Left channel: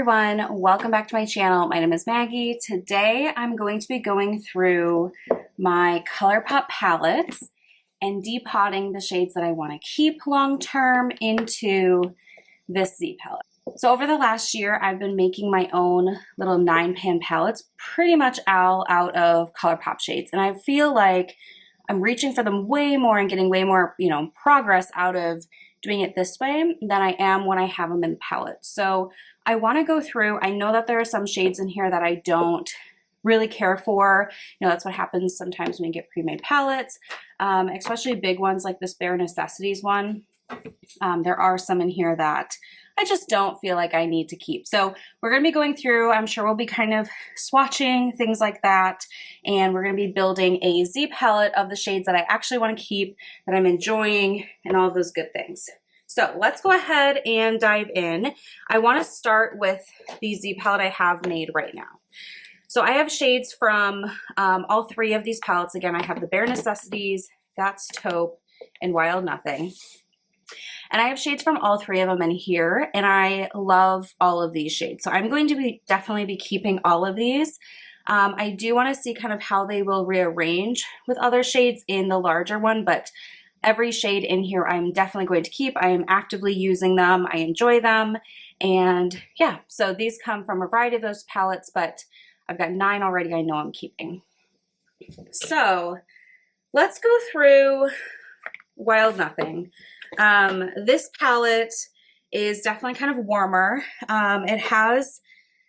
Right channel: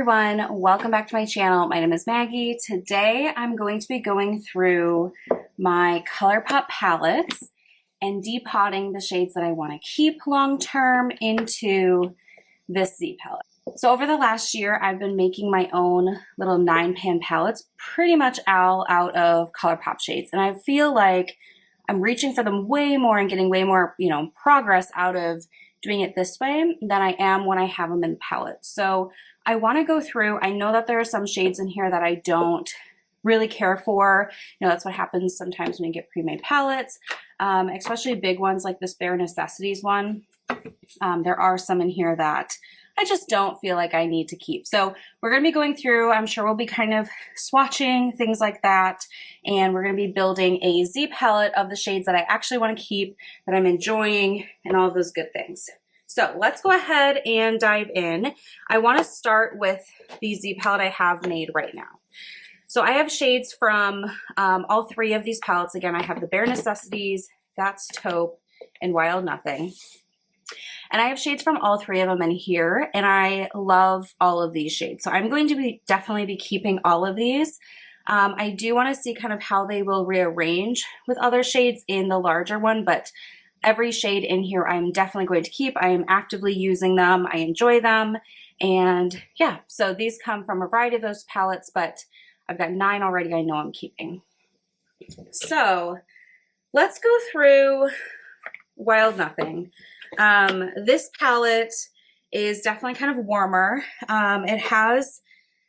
everyone, welcome back to my channel. My name is Maggie. Today I'm going to be going through my Colourpop palettes and depotting the shades that I want to keep long term into this Z palette. So over the last year I've been making my own little 9-pan palettes pretty much all out of Colourpop shades, and I feel like I'm reaching for them way more and getting way more, progress out of doing it this way than I am when I have them in palettes. So I want to go through. I know that there are some shades in here that I don't really care for. That's what happens sometimes when you get pre-made palettes, especially big ones like this Bare Necessities one. There are some in here that I just don't feel like I need to keep. So we're going to be going through. I'm sure we'll be kind of swatching things like that, and we're going to be building a Z palette of the shades that I actually want to keep, that I'm enjoying, and all of those good things. So let's go ahead and dive in. I want to start with the Z palette I have made right now. So I have shades from all three of these palettes. Again, I have the Bare Necessities, That's Taupe, and Wild Nothing. And I have shades from all three of them in here, and I love all of these shades. So I'm going to definitely be keeping all of these. I do want to see kind of how they will rearrange with other shades in the larger one, but every shade in here I'm definitely going to keep. I am actively using them. I enjoy them. And yeah, so these come from a variety of those palettes, but I've got 9 already I know I'm keeping. So let's go through Wild Nothing. This palette is definitely kind of warmer. It has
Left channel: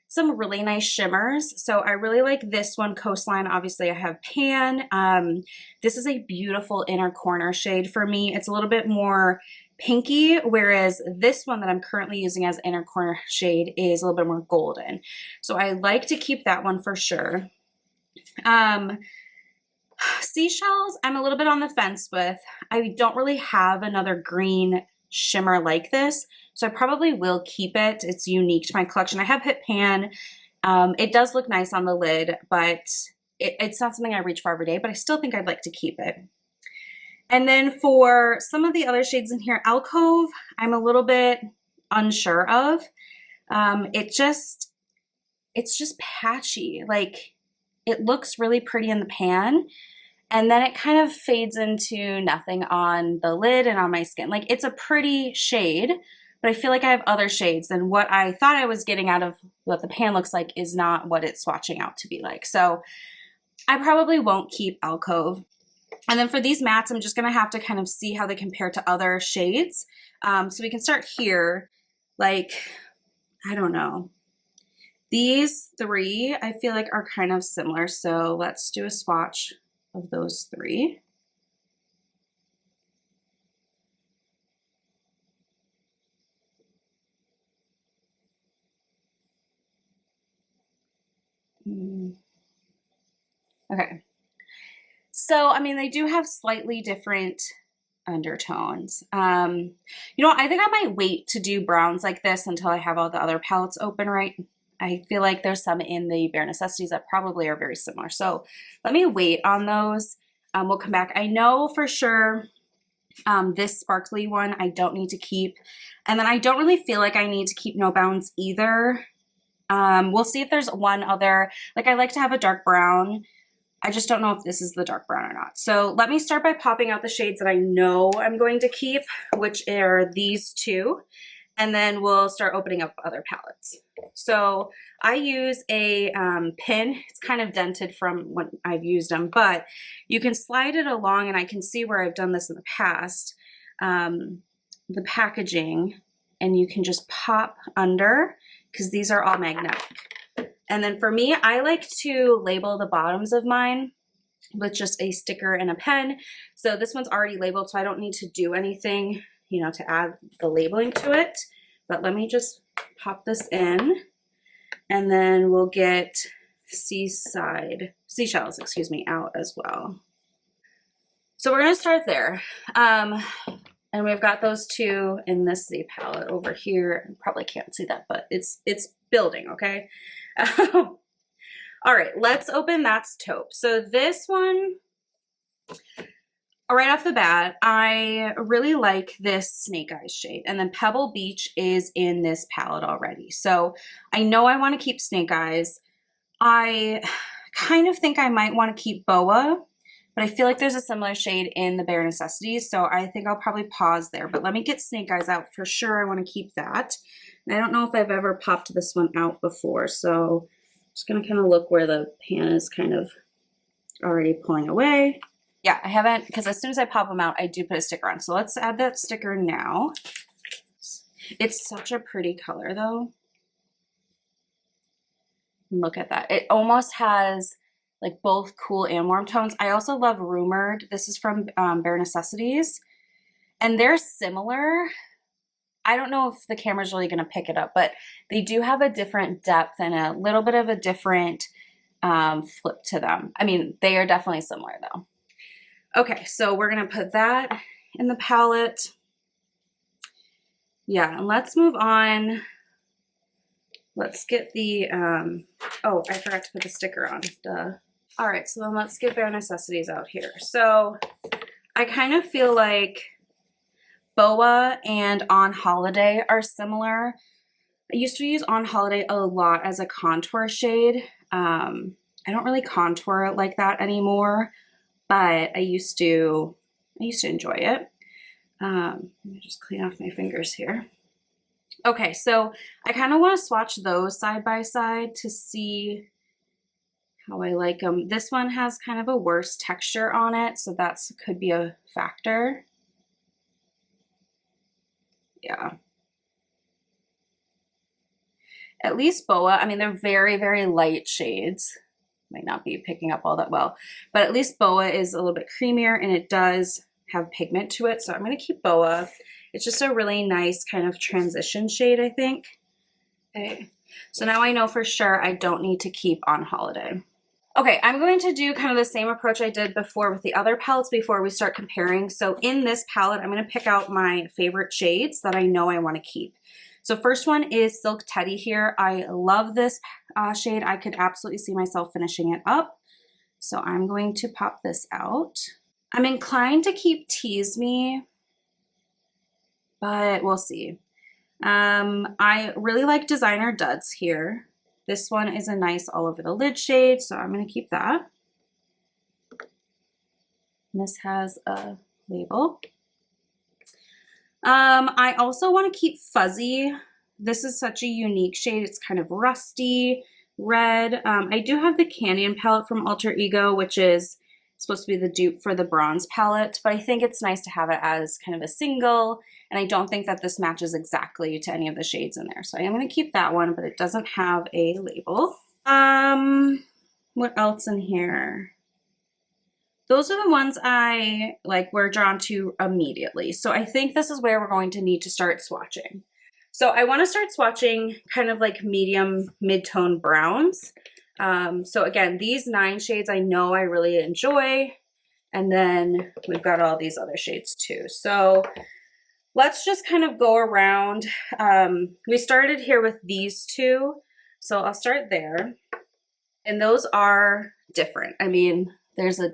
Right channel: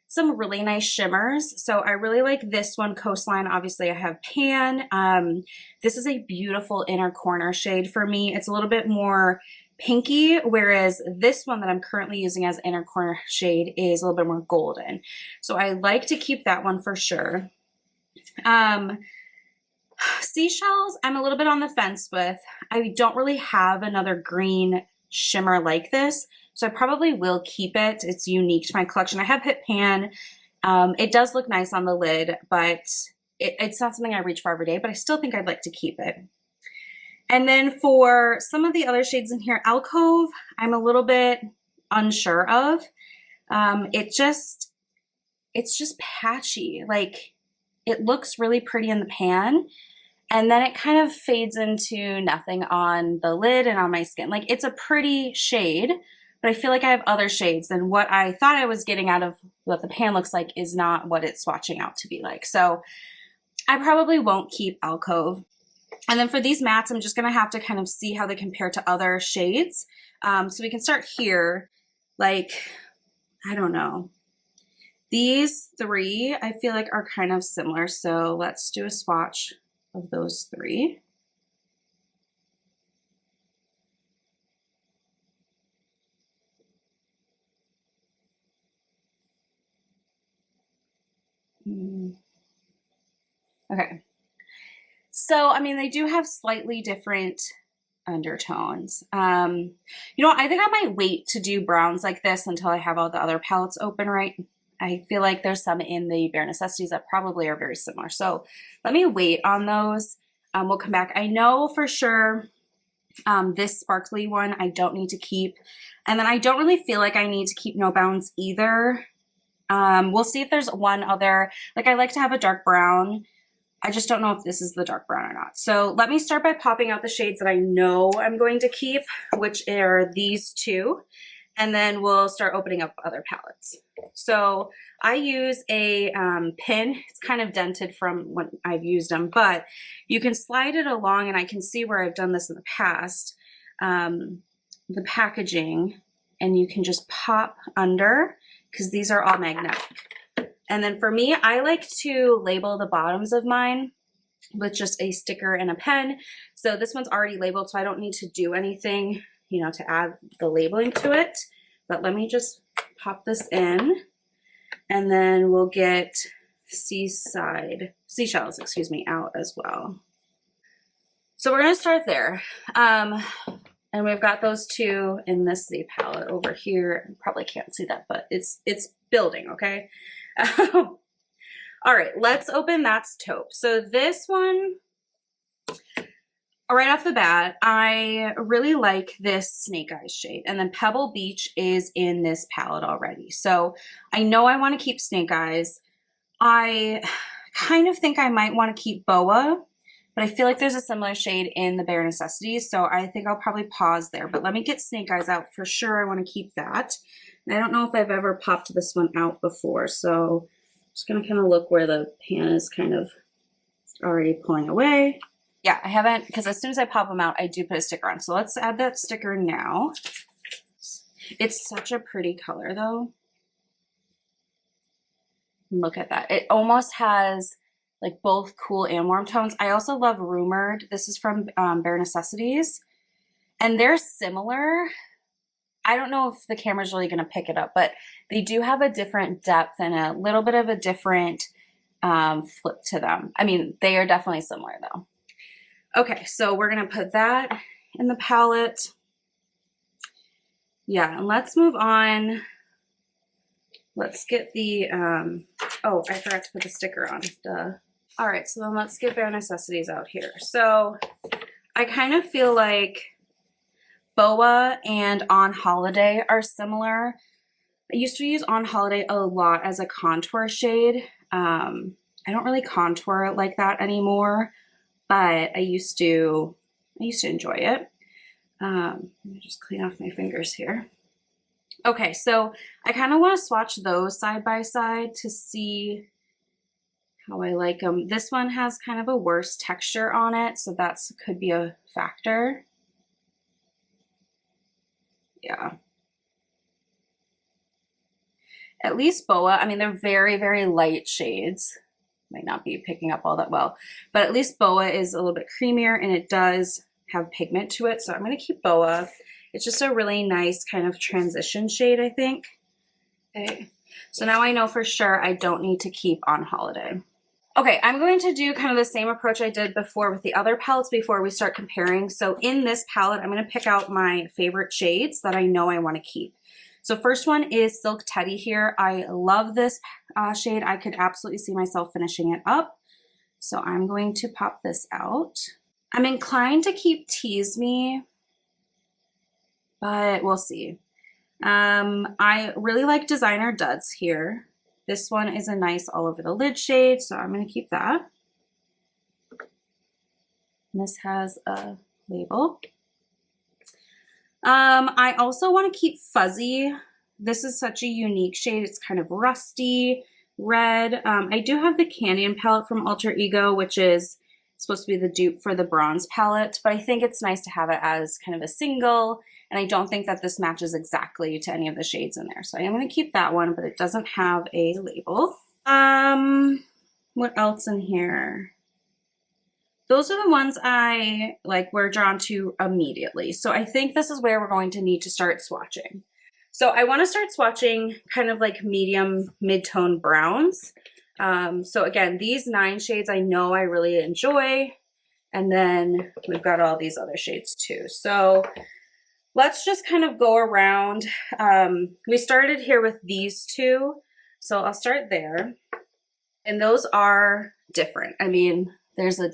some really nice shimmers. So I really like this one, Coastline. Obviously I have Pan. This is a beautiful inner corner shade for me. It's a little bit more pinky, whereas this one that I'm currently using as inner corner shade is a little bit more golden. So I like to keep that one for sure. Seashells, I'm a little bit on the fence with. I don't really have another green shimmer like this, so I probably will keep it. It's unique to my collection. I have hit Pan. It does look nice on the lid, but it's not something I reach for every day, but I still think I'd like to keep it. And then for some of the other shades in here, Alcove, I'm a little bit unsure of. It's just patchy. Like, it looks really pretty in the pan, and then it kind of fades into nothing on the lid and on my skin. Like, it's a pretty shade, but I feel like I have other shades, and what I thought I was getting out of what the pan looks like is not what it's swatching out to be like. So I probably won't keep Alcove. And then for these mattes, I'm just going to have to kind of see how they compare to other shades. So we can start here. Like, I don't know. These three, I feel like, are kind of similar. So let's do a swatch of those three. Okay. So, I mean, they do have slightly different undertones. I think I might wait to do browns like this until I have all the other palettes open, right? I feel like there's some in the Bare Necessities that probably are very similar. So let me wait on those. We'll come back. I know for sure this sparkly one I don't need to keep. And then I don't really feel like I need to keep No Bounds either. We'll see if there's one other. Like, I like to have a dark brown. I just don't know if this is the dark brown or not. So let me start by popping out the shades that I know I'm going to keep, which are these two. And then we'll start opening up other palettes. So I use a pin. It's kind of dented from when I've used them, but you can slide it along, and I can see where I've done this in the past, the packaging, and you can just pop under, because these are all magnetic. And then for me, I like to label the bottoms of mine with just a sticker and a pen. So this one's already labeled, so I don't need to do anything, to add the labeling to it. But let me just pop this in, and then we'll get seashells, out as well. So we're gonna start there. And we've got those two in this Z palette over here. You probably can't see that, but it's building, okay? All right, let's open That's Taupe. So this one, Right off the bat, I really like this Snake Eyes shade, and then Pebble Beach is in this palette already. So I know I want to keep Snake Eyes. I kind of think I might want to keep Boa, but I feel like there's a similar shade in the Bare Necessities, so I think I'll probably pause there. But let me get Snake Eyes out for sure. I want to keep that. And I don't know if I've ever popped this one out before, so I'm just going to kind of look where the pan is kind of already pulling away. Yeah, I haven't, because as soon as I pop them out, I do put a sticker on. So let's add that sticker now. It's such a pretty color, though. Look at that. It almost has like both cool and warm tones. I also love Rumored. This is from Bare Necessities. And they're similar. I don't know if the camera's really going to pick it up, but they do have a different depth and a little bit of a different flip to them. I mean, they are definitely similar, though. Okay, so we're going to put that in the palette. Yeah, and let's move on. Let's get the, oh, I forgot to put the sticker on. Duh. All right, so then let's get Bare Necessities out here. So I kind of feel like Boa and On Holiday are similar. I used to use On Holiday a lot as a contour shade. I don't really contour like that anymore, but I used to enjoy it. Let me just clean off my fingers here. Okay, so I kind of want to swatch those side by side to see how I like them. This one has kind of a worse texture on it, so that could be a factor. Yeah. At least Boa, I mean, they're very, very light shades. Might not be picking up all that well, but at least Boa is a little bit creamier and it does have pigment to it, so I'm going to keep Boa. It's just a really nice kind of transition shade, I think. Okay, so now I know for sure I don't need to keep On Holiday. Okay, I'm going to do kind of the same approach I did before with the other palettes before we start comparing. So in this palette, I'm going to pick out my favorite shades that I know I want to keep. So first one is Silk Teddy here. I love this shade. I could absolutely see myself finishing it up. So I'm going to pop this out. I'm inclined to keep Tease Me, but we'll see. I really like Designer Duds here. This one is a nice all over the lid shade, so I'm going to keep that. This has a label. I also want to keep Fuzzy. This is such a unique shade. It's kind of rusty red. I do have the Canyon palette from Alter Ego, which is supposed to be the dupe for the bronze palette, but I think it's nice to have it as kind of a single, and I don't think that this matches exactly to any of the shades in there. So I am going to keep that one, but it doesn't have a label. What else in here? Those are the ones I were drawn to immediately. So I think this is where we're going to need to start swatching. So I want to start swatching kind of like medium mid-tone browns. So again, these 9 shades I know I really enjoy. And then we've got all these other shades too. So let's just kind of go around. We started here with these 2. So I'll start there. And those are different. I mean, there's a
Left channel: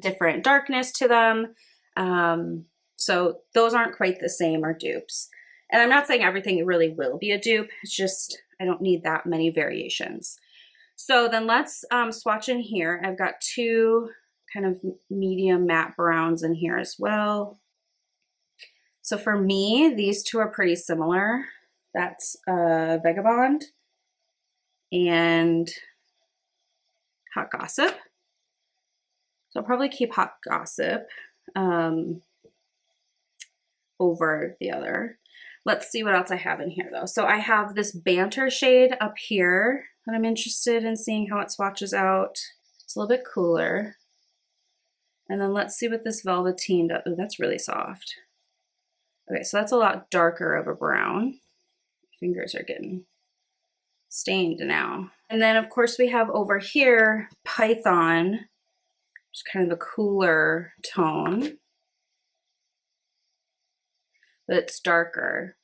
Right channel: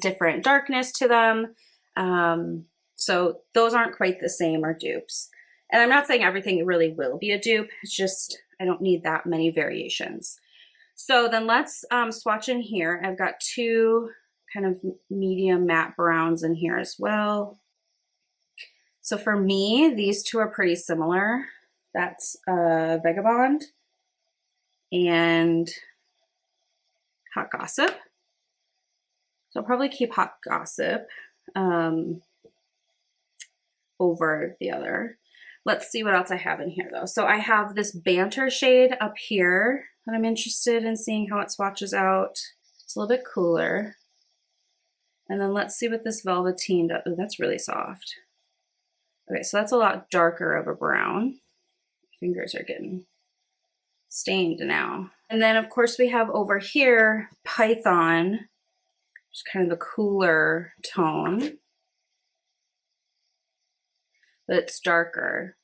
different darkness to them. So those aren't quite the same or dupes. And I'm not saying everything really will be a dupe. It's just, I don't need that many variations. So then let's swatch in here. I've got 2 kind of medium matte browns in here as well. So for me, these 2 are pretty similar. That's Vagabond and Hot Gossip. So I'll probably keep Hot Gossip over the other. Let's see what else I have in here though. So I have this Banter shade up here that I'm interested in seeing how it swatches out. It's a little bit cooler. And then let's see what this Velveteen does. Oh, that's really soft. Okay, so that's a lot darker of a brown. Fingers are getting stained now. And then of course we have over here Python, which is kind of a cooler tone. But it's darker.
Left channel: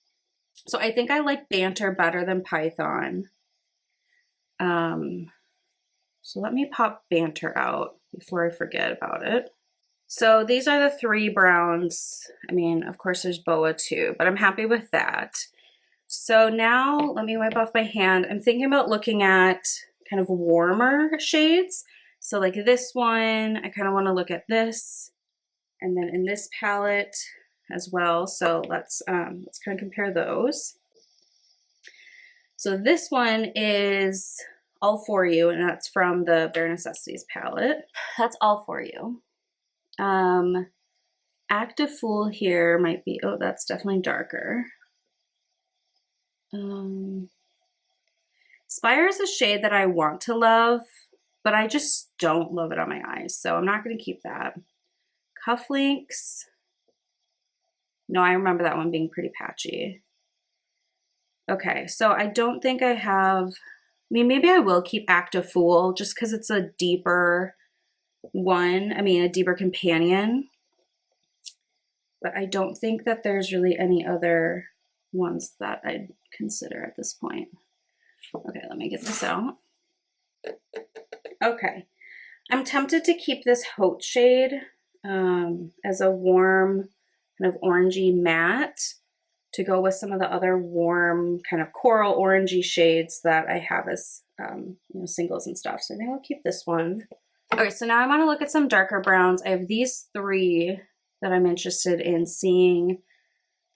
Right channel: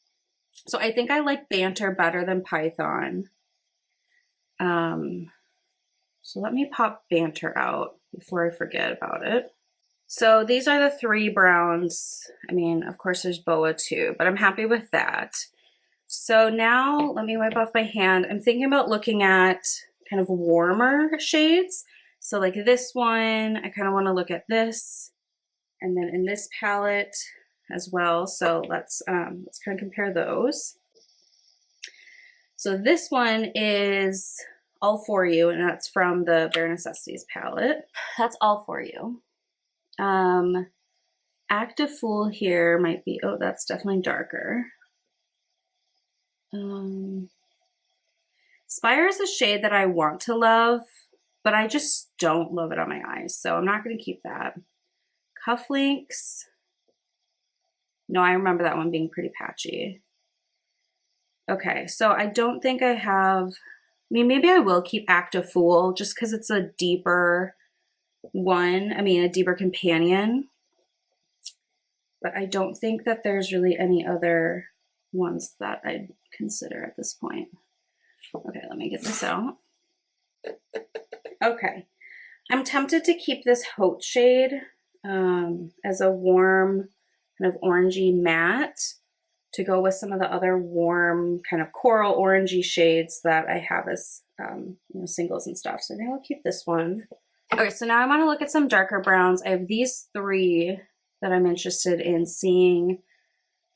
So I think I like Banter better than Python. So let me pop Banter out before I forget about it. So these are the 3 browns. I mean, of course there's boa too, but I'm happy with that. So now let me wipe off my hand. I'm thinking about looking at kind of warmer shades. So like this one, I kind of want to look at this, and then in this palette as well. So let's kind of compare those. So this one is All For You, and that's from the Bare Necessities palette. That's All For You. Active Fool here might be, oh, that's definitely darker. Spire is a shade that I want to love, but I just don't love it on my eyes, so I'm not going to keep that. Cufflinks. No, I remember that one being pretty patchy. Okay, so I don't think I have, I mean, maybe I will keep Active Fool just because it's a deeper one, I mean, a deeper companion. But I don't think that there's really any other ones that I'd consider at this point. Okay, let me get this out. Okay, I'm tempted to keep this Haute shade as a warm kind of orangey matte to go with some of the other warm kind of coral orangey shades that I have as you know, singles and stuff. So I think I'll keep this one. Okay, so now I want to look at some darker browns. I have these 3 that I'm interested in seeing,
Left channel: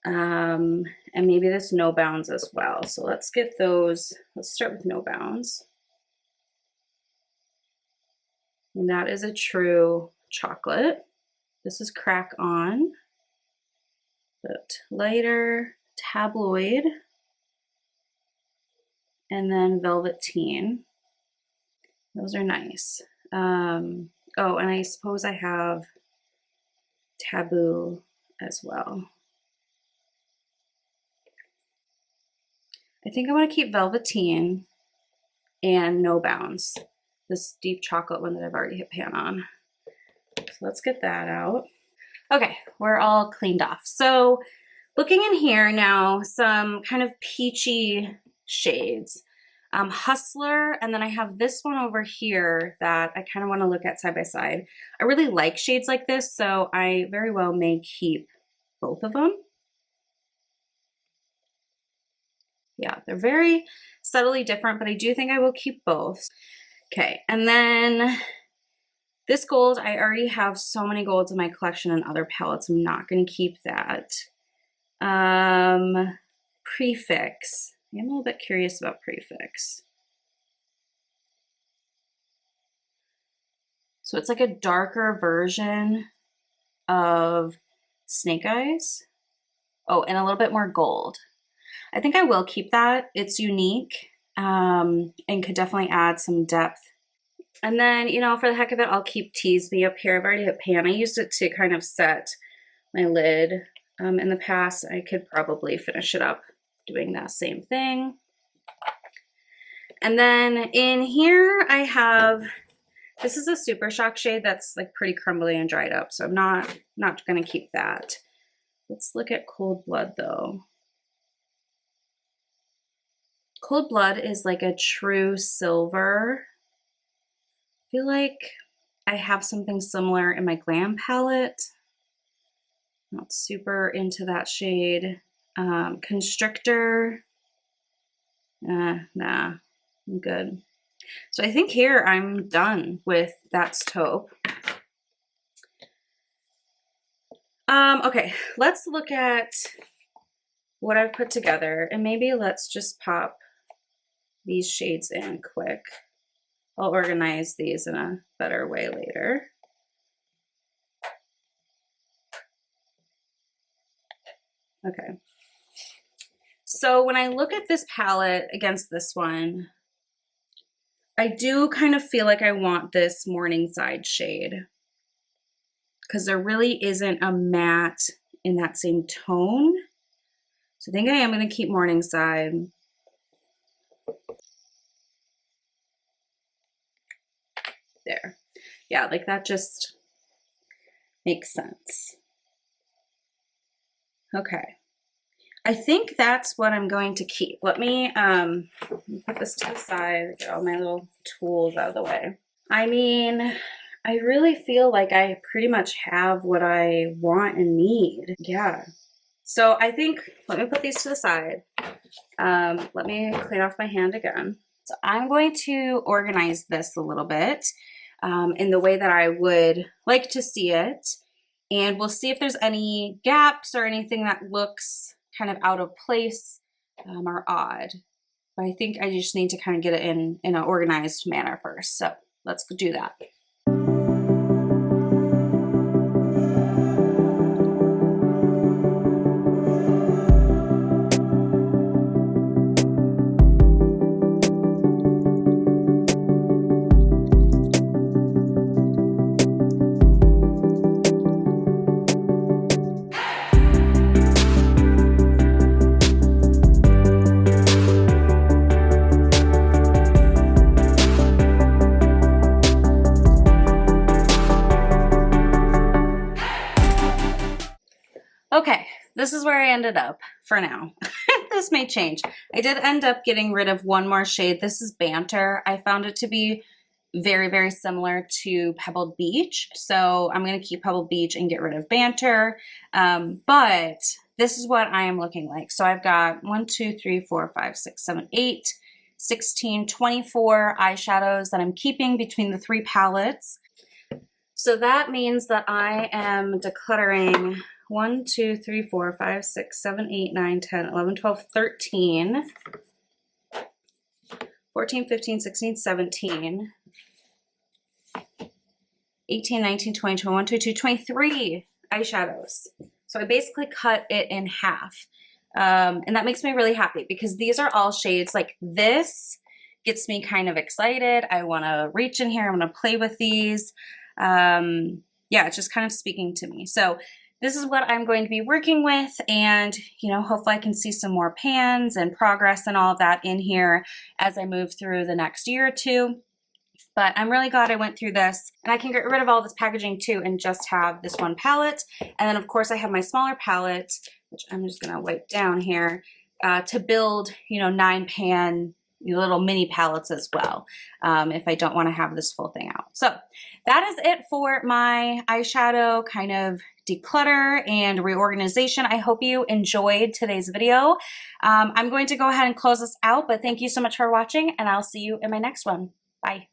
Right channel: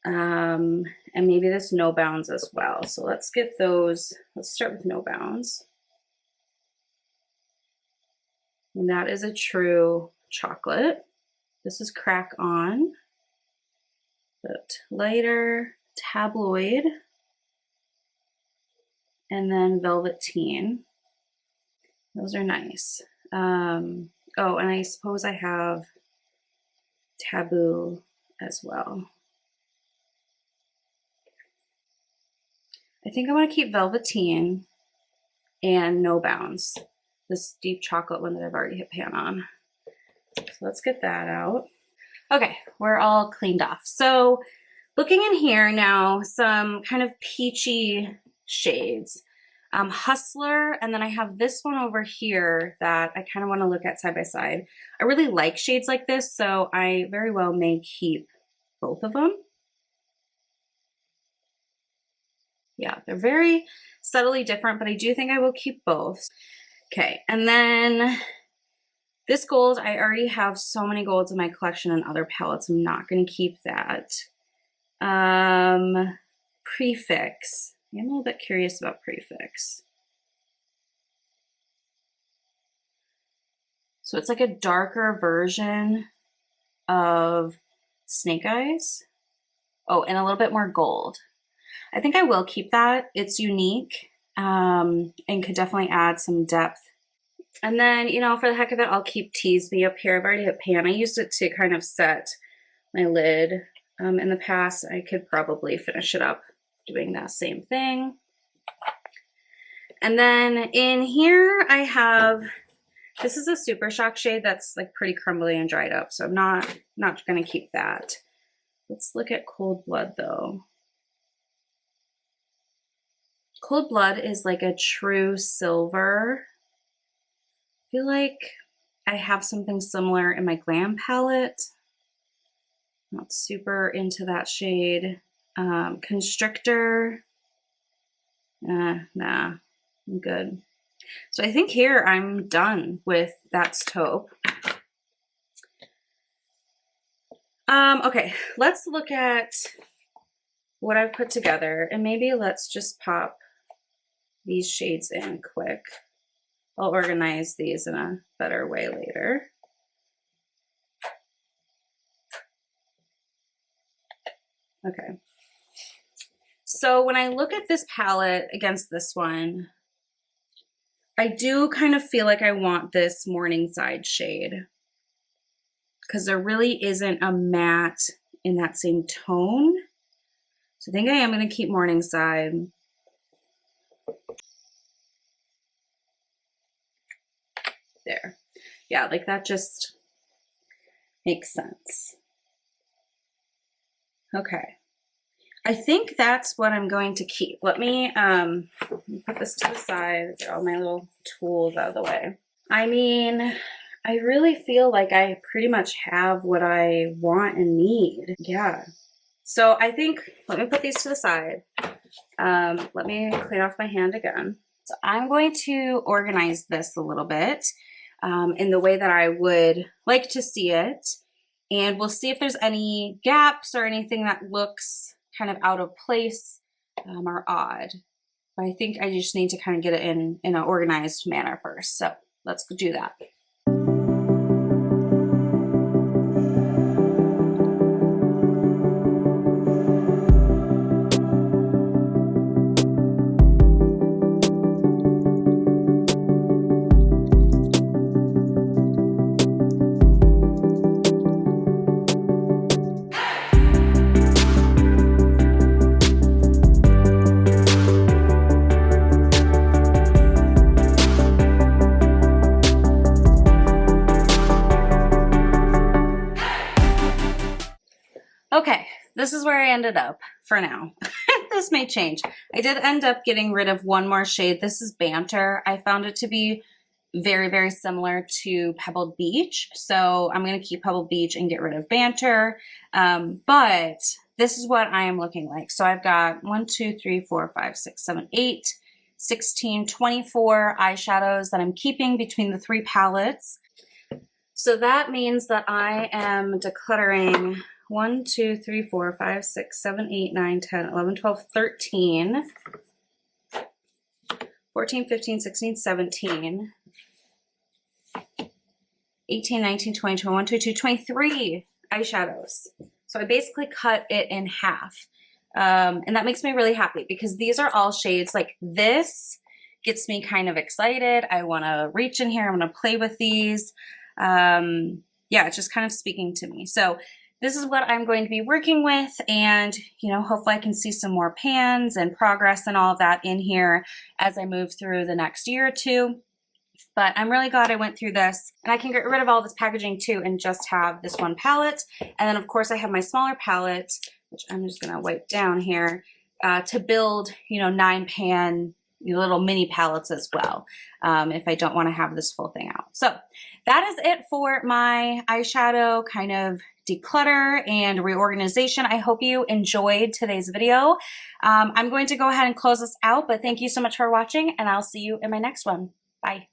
and maybe this No Bounds as well. So let's get those. Let's start with No Bounds. And that is a true chocolate. This is Crack On, but lighter, Tabloid, and then Velveteen. Those are nice. Oh, and I suppose I have Taboo as well. I think I want to keep Velveteen and No Bounds, this deep chocolate one that I've already hit pan on. So let's get that out. Okay, we're all cleaned off. So looking in here now, some kind of peachy shades. Hustler, and then I have this one over here that I kind of want to look at side by side. I really like shades like this, so I very well may keep both of them. Yeah, they're very subtly different, but I do think I will keep both. Okay, and then this gold, I already have so many golds in my collection and other palettes. I'm not going to keep that. Prefix. I'm a little bit curious about Prefix. So it's like a darker version of Snake Eyes. Oh, and a little bit more gold. I think I will keep that. It's unique and could definitely add some depth. And then, you know, for the heck of it, I'll keep Tease Me up here. I've already hit pan. I used it to kind of set my lid in the past. I could probably finish it up doing that same thing. And then in here I have, this is a Super Shock shade that's like pretty crumbly and dried up, so I'm not going to keep that. Let's look at Cold Blood though. Cold Blood is like a true silver. I feel like I have something similar in my Glam palette. Not super into that shade. Constrictor. Nah, I'm good. So I think here I'm done with That's Taupe. Okay, let's look at what I've put together, and maybe let's just pop these shades in quick. I'll organize these in a better way later. Okay. So when I look at this palette against this one, I do kind of feel like I want this Morningside shade because there really isn't a matte in that same tone. So I think I am going to keep Morningside. There. Yeah, like that just makes sense. Okay. I think that's what I'm going to keep. Let me put this to the side, get all my little tools out of the way. I mean, I really feel like I pretty much have what I want and need. Yeah. So I think, let me put these to the side. Let me clean off my hand again. So I'm going to organize this a little bit in the way that I would like to see it. And we'll see if there's any gaps or anything that looks kind of out of place or odd. But I think I just need to kind of get it in an organized manner first. So let's do that. Okay, this is where I ended up for now. This may change. I did end up getting rid of one more shade. This is Banter. I found it to be very, very similar to Pebbled Beach. So I'm going to keep Pebbled Beach and get rid of Banter. But this is what I am looking like. So I've got 1, 2, 3, 4, 5, 6, 7, 8, 16, 24 eyeshadows that I'm keeping between the 3 palettes. So that means that I am decluttering 1, 2, 3, 4, 5, 6, 7, 8, 9, 10, 11, 12, 13, 14, 15, 16, 17, 18, 19, 20, 21, 22, 23 eyeshadows. So I basically cut it in half. And that makes me really happy because these are all shades like this gets me kind of excited. I want to reach in here. I want to play with these. Yeah, it's just kind of speaking to me. So this is what I'm going to be working with, and, you know, hopefully I can see some more pans and progress and all of that in here as I move through the next year or two. But I'm really glad I went through this, and I can get rid of all this packaging too and just have this one palette. And then of course I have my smaller palette, which I'm just gonna wipe down here, to build, you know, 9-pan little mini palettes as well, if I don't want to have this full thing out. So that is it for my eyeshadow kind of declutter and reorganization. I hope you enjoyed today's video. I'm going to go ahead and close this out, but thank you so much for watching, and I'll see you in my next one. Bye.